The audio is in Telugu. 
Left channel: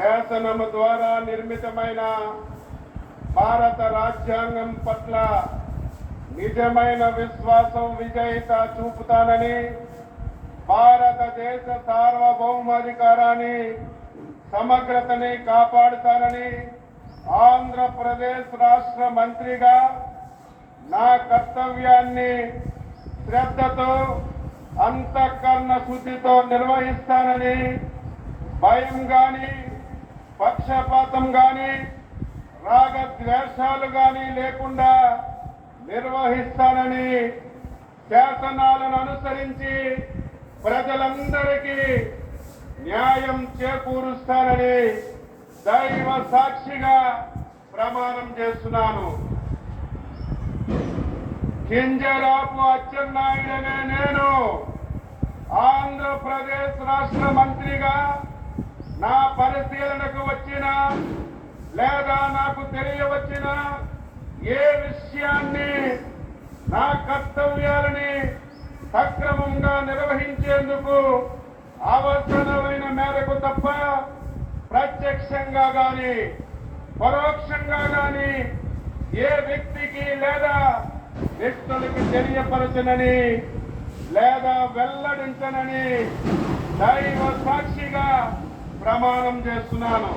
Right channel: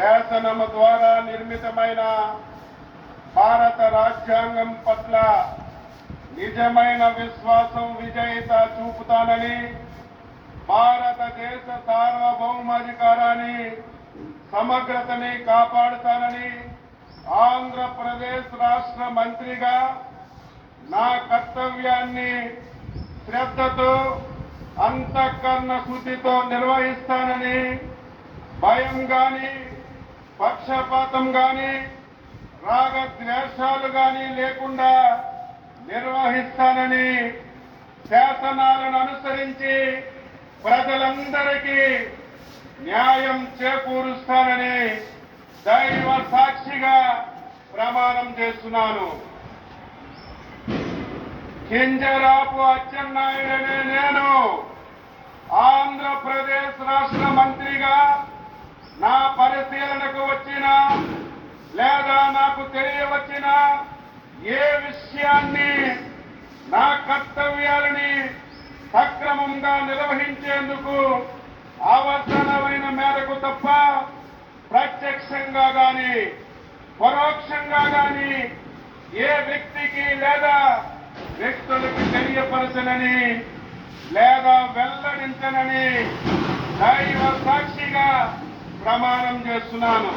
శాసనము ద్వారా నిర్మితమైన భారత రాజ్యాంగం పట్ల నిజమైన విశ్వాసం విజేత చూపుతానని, భారతదేశ సార్వభౌమాధికారాన్ని సమగ్రతని కాపాడుతానని ఆంధ్రప్రదేశ్ రాష్ట్ర మంత్రిగా నా కర్తవ్యాన్ని శ్రద్ధతో అంతఃకరణ శుద్ధితో నిర్వహిస్తానని, భయం గాని పక్షపాతం గాని రాగద్వేషాలు గాని లేకుండా నిర్వహిస్తానని, శాసనాలను అనుసరించి ప్రజలందరికీ న్యాయం చేకూరుస్తానని దైవ సాక్షిగా ప్రమాణం చేస్తున్నాను. కింజరాపు అచ్చెన్నాయుడనే నేను ఆంధ్రప్రదేశ్ రాష్ట్ర మంత్రిగా నా పరిశీలనకు వచ్చిన లేదా నాకు తెలియవచ్చిన ఏ విషయాన్ని నా కర్తవ్యాలని సక్రమంగా నిర్వహించేందుకు అవసరమైన మేరకు తప్ప ప్రత్యక్షంగా గాని పరోక్షంగా గాని ఏ వ్యక్తికి లేదా వ్యక్తులకు తెలియపరచనని లేదా వెల్లడించనని దైవ సాక్షిగా ప్రమాణం చేస్తున్నాను.